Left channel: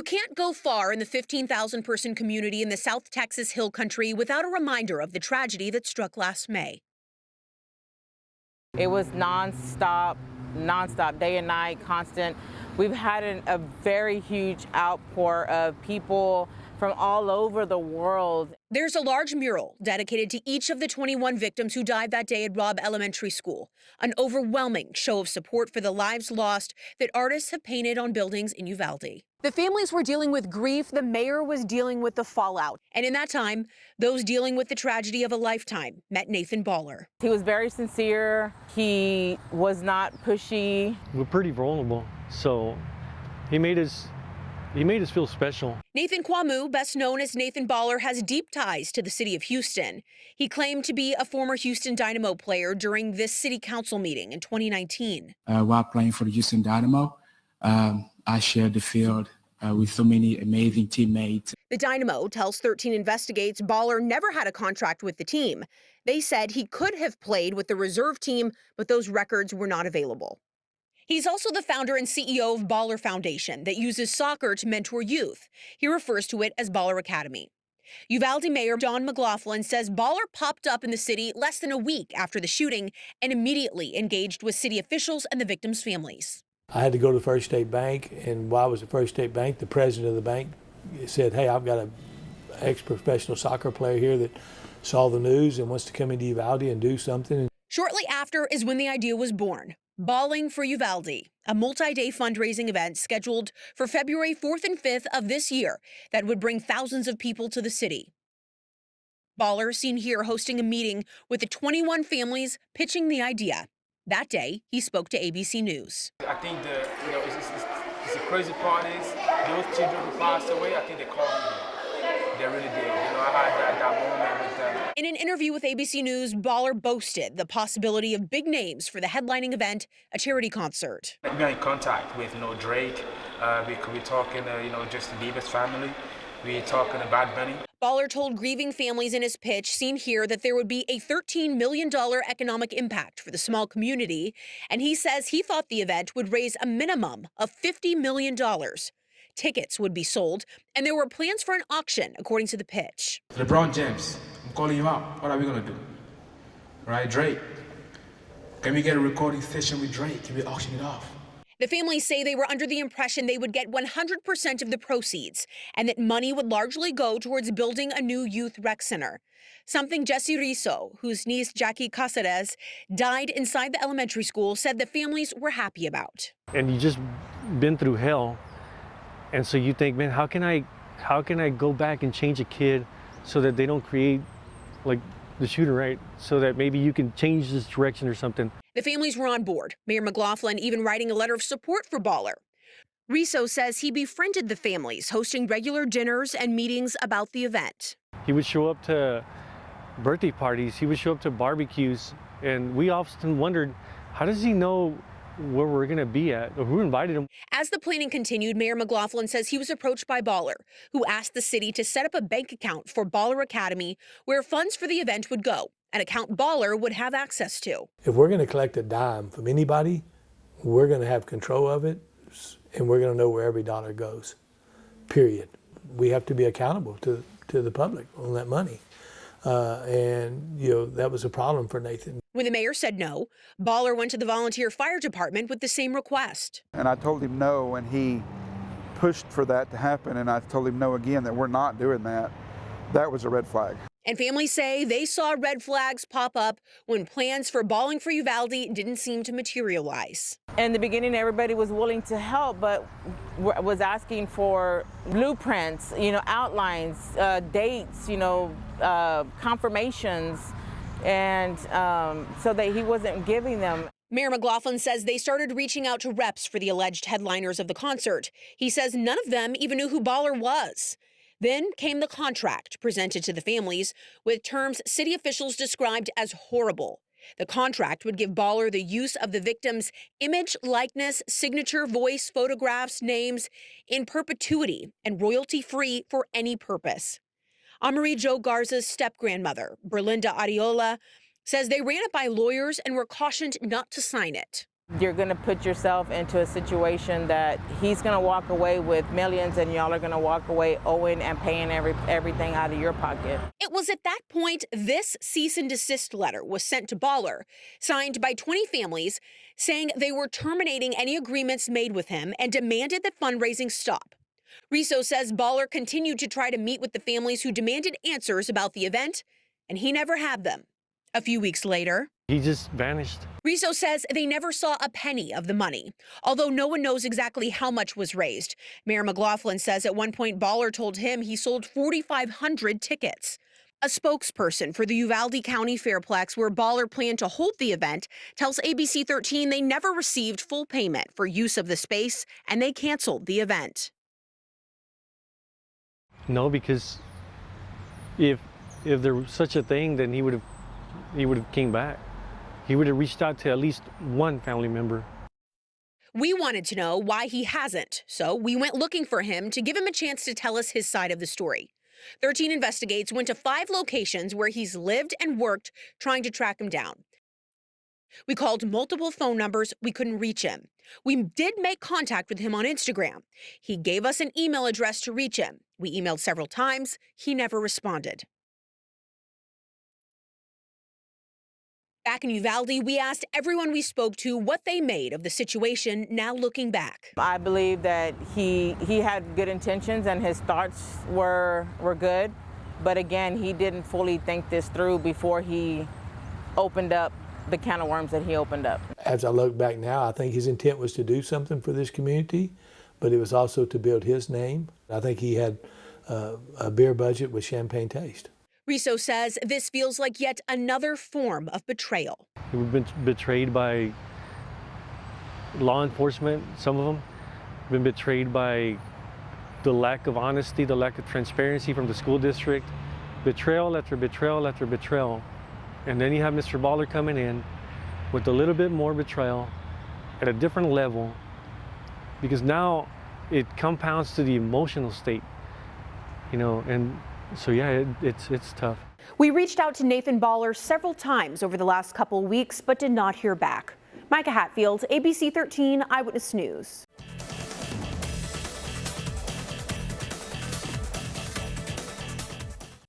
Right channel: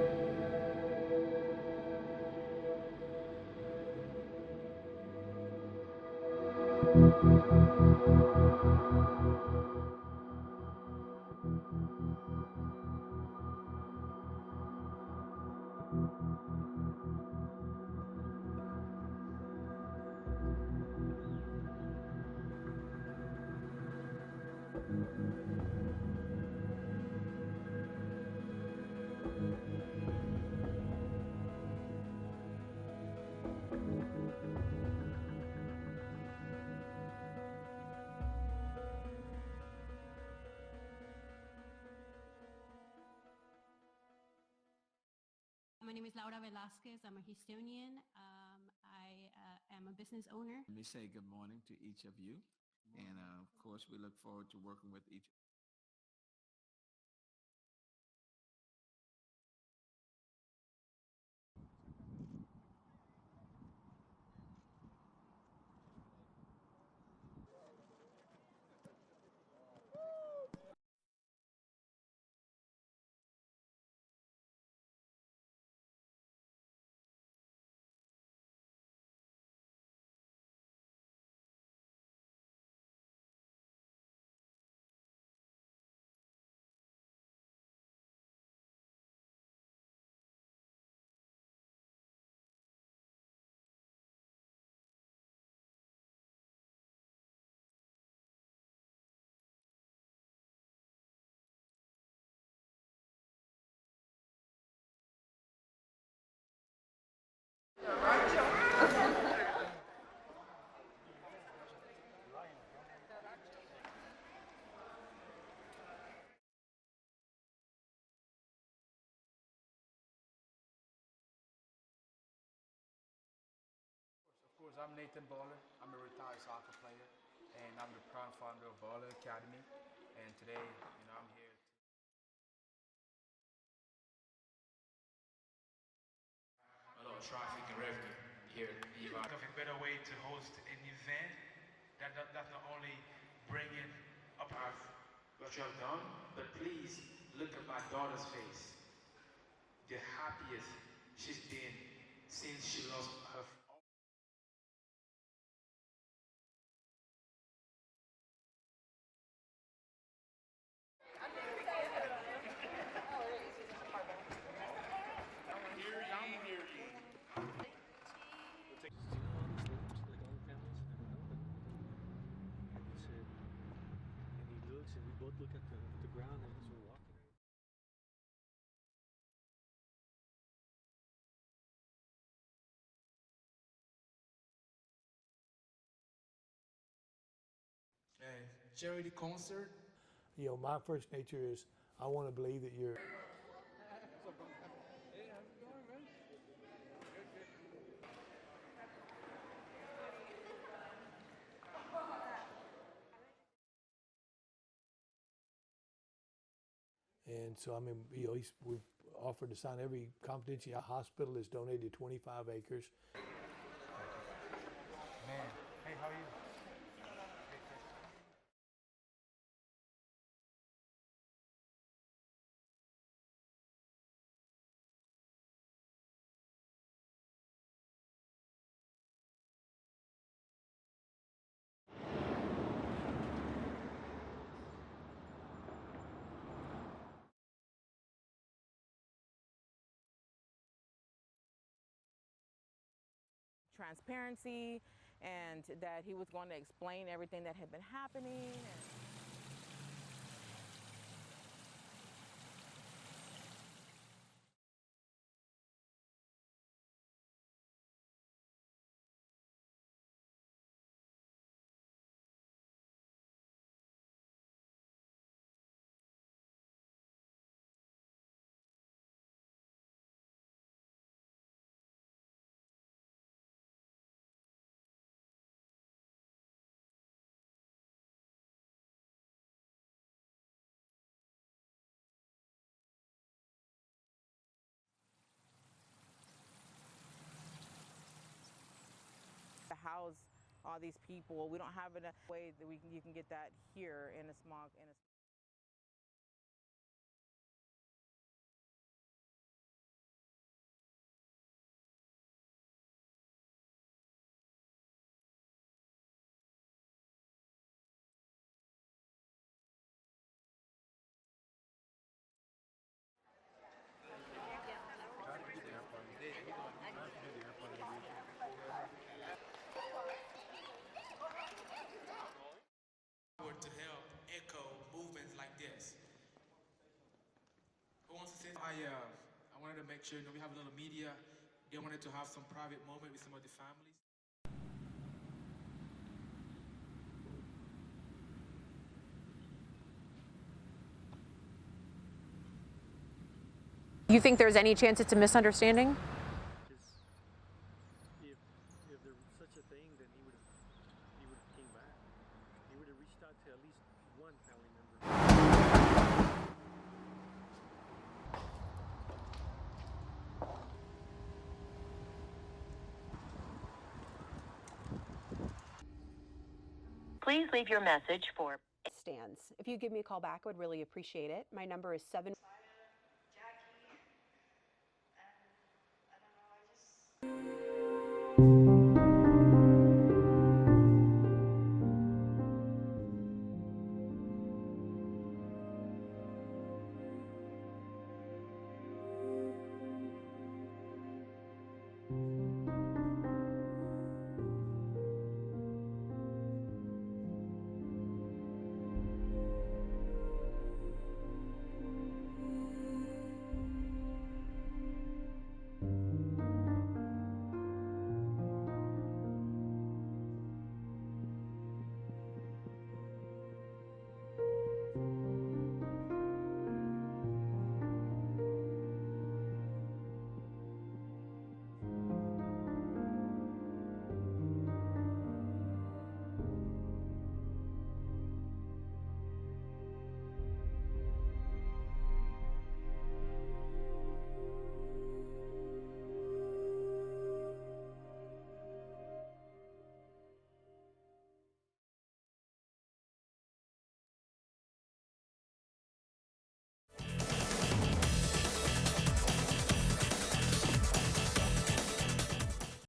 You can't go far in the 15,000-person community in the South Texas Hill Country without a reminder of the tragedy that struck last May. It was nonstop, day and night, constant. We've had a very huge outpour of people from all over the world. There's a large mural dedicated to each of the 21 victims who died that day at Robb Elementary School, an overwhelming show of support for the lives lost that artists have painted on buildings in Uvalde. The families were dealing with grief, the mayor was dealing with the fallout. And in that time, those dealing with the tragedy of a lifetime met Nathan Baller. He was very sincere, he was not pushy. We're pretty vulnerable, so he made us feel special. Nathan Kwamu, best known as Nathan Baller, has deep ties to the city of Houston. He claimed to be a former Houston Dynamo player during this city council meeting in 2019. While playing for the Houston Dynamo, I shared the field with so many amazing teammates. The Dynamo tells 13 Investigates Baller never had a contract with the team. They said he could have played with the reserve team, but those records were not available. He's also the founder and CEO of Baller Foundation that uses soccer to mentor youth. He refers to it as Baller Academy. Uvalde Mayor Don McLaughlin says Baller popped up in the city less than a week after the shooting and immediately engaged with city officials and the victims' families. I had to go to the First State Bank, and while I was at First State Bank, the president of the bank said, hey, I've got an ex-professional soccer player here that saw the news and wants to come into Uvalde and do something. Shortly after is when the idea was born. Balling for Uvalde, a multi-day fundraising event scheduled for February 4th and 5th of this year that would bring thousands of people to the city. Baller seen here hosting a meeting with the 21 families pitching the idea. That day, he spoke to ABC News. I think the crazy part is those children who passed away, I think they called me. They really did. I had that moment with them. In an interview with ABC News, Baller boasted the possibility of big names for the headlining event, a charity concert. We're in contact with, Drake. We're talking, Justin Bieber's family. We're talking to Bad Bunny. Baller told grieving families in his pitch, seen here, that there would be a $13 million economic impact for the small community. And he says he thought the event would raise a minimum of $50 million. Tickets would be sold, and there were plans for an auction, according to the pitch. LeBron James, I'm calling you out. What are we going to do? Right, Drake. Can we get a recording session with Drake? Can we auction it off? The families say they were under the impression they would get 100% of the proceeds and that money would largely go towards building a new youth rec center. Something Jesse Rizzo, whose niece Jackie Caceres died inside the elementary school, said the families were happy about. And you just been through hell. And so you think, man, how can I go back and change a kid so that they don't create like the shooter, right? So that maybe you can change this direction or something. The families were on board, Mayor McLaughlin even writing a letter of support for Baller. Rizzo says he befriended the families, hosting regular dinners and meetings about the event. He would show up to birthday parties, he would show up to barbecues, and we often wondered, how does he know where we're going to be at, or who invited him? As the planning continued, Mayor McLaughlin says he was approached by Baller, who asked the city to set up a bank account for Baller Academy where funds for the event would go, an account Baller would have access to. If we're going to collect a dime from anybody, we're going to have control of it, and we're going to know where every dollar goes, period. We have to be accountable to the public on that money. That was a problem for Nathan. When the mayor said no, Baller went to the volunteer fire department with the same request. And I told him no, and he pushed for that to happen, and I told him no again, that we're not doing that. That was a red flag. And families say they saw red flags pop up when plans for Balling for Uvalde didn't seem to materialize. In the beginning, everybody was willing to help, but was asking for blueprints, outlines, dates, confirmations, and so that he wasn't giving them. Mayor McLaughlin says they started reaching out to reps for the alleged headliners of the concert. He says none of them even knew who Baller was. Then came the contract presented to the families with terms city officials described as horrible. The contract would give Baller the use of the victim's image, likeness, signature, voice, photographs, names in perpetuity and royalty-free for any purpose. Amarie Jo Garza's step-grandmother, Berlinda Ariola, says they ran it by lawyers and were cautioned not to sign it. You're going to put yourself into a situation that he's going to walk away with millions and y'all are going to walk away owing and paying everything out of your pocket. It was at that point this cease and desist letter was sent to Baller, signed by 20 families, saying they were terminating any agreements made with him and demanded that fundraising stop. Riso says Baller continued to try to meet with the families who demanded answers about the event, and he never had them. A few weeks later, he just vanished. Riso says they never saw a penny of the money, although no one knows exactly how much was raised. Mayor McLaughlin says at one point Baller told him he sold 4,500 tickets. A spokesperson for the Uvalde County Fairplex, where Baller planned to hold the event, tells ABC 13 they never received full payment for use of the space and they canceled the event. You think there's any chance it's a misunderstanding? No, because if there was such a thing, then he would have came back. He would have reached out to at least one family member. We wanted to know why he hasn't, so we went looking for him to give him a chance to tell us his side of the story. 13 Investigates went to 5 locations where he's lived and worked, trying to track him down. Please leave your message. We called multiple phone numbers. We couldn't reach him. We did make contact with him on Instagram. He gave us an email address to reach him. We emailed several times. He never responded. Back in Uvalde, we asked everyone we spoke to what they made of the situation now looking back. I believe that he had good intentions and his thoughts were good, but again, he didn't fully think this through before he opened up the can of worms that he opened up. As I look back now, I think his intent was to do something for this community, but it was also to build his name. I think he had a beer budget with champagne taste. Riso says this feels like yet another form of betrayal. We've been betrayed by law enforcement, some of them. Been betrayed by the lack of honesty, the lack of transparency from the school district. Betrayal after betrayal after betrayal. And then you have Mr. Baller coming in with a little bit more betrayal at a different level, because now it compounds to the emotional state, you know, and so yeah, it's tough. We reached out to Nathan Baller several times over the last couple weeks, but did not hear back. Micah Hatfield, ABC 13 Eyewitness News.